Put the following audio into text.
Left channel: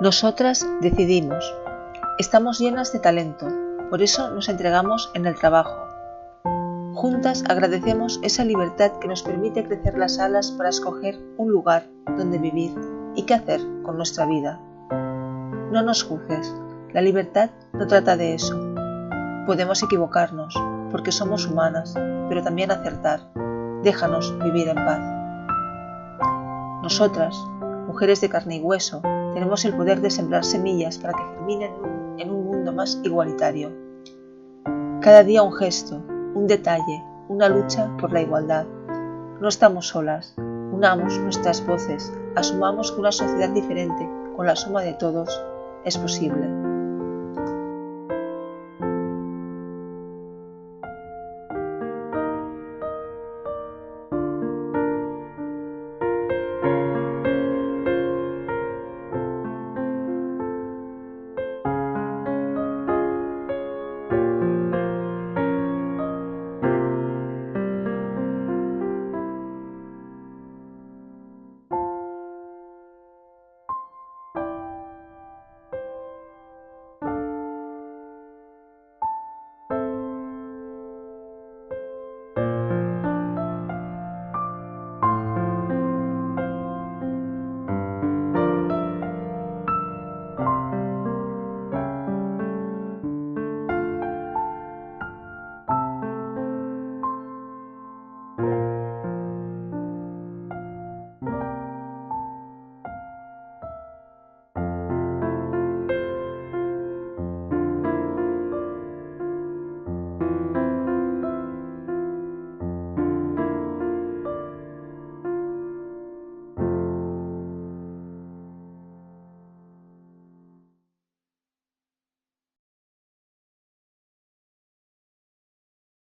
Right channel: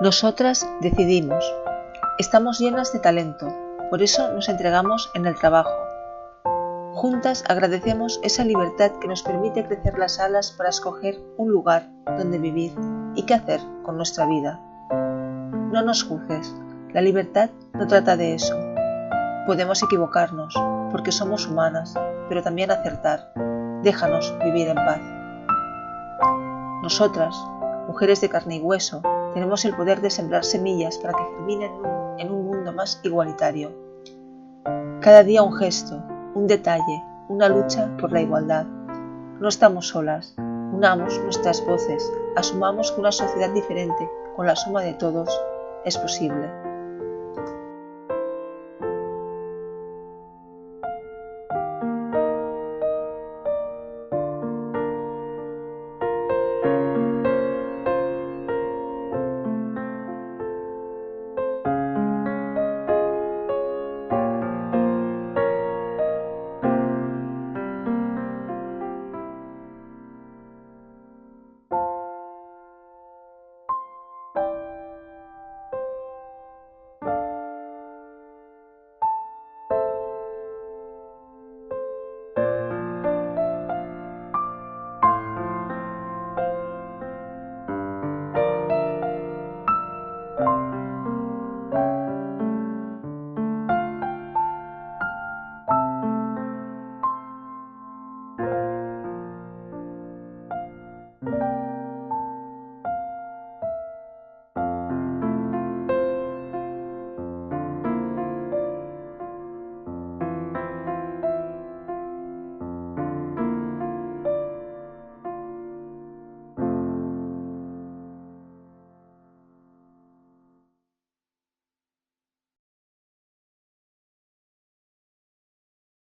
Nosotras decidimos. Estamos llenas de talento, por eso nos entregamos en el trabajo. Juntas agradecemos esa libertad que nos permite crecer las alas para escoger un lugar donde vivir y qué hacer con nuestra vida. No nos juzgues, la libertad no trata de eso. Podemos equivocarnos, porque somos humanas, pero también acertar. Déjanos vivir en paz. Nosotras, mujeres de carne y hueso, tenemos el poder de sembrar semillas para que germinen en un mundo más igualitario. Cada día un gesto, un detalle, una lucha por la igualdad. No estamos solas, unamos nuestras voces, asumamos que una sociedad diferente, con la suma de todos, es posible.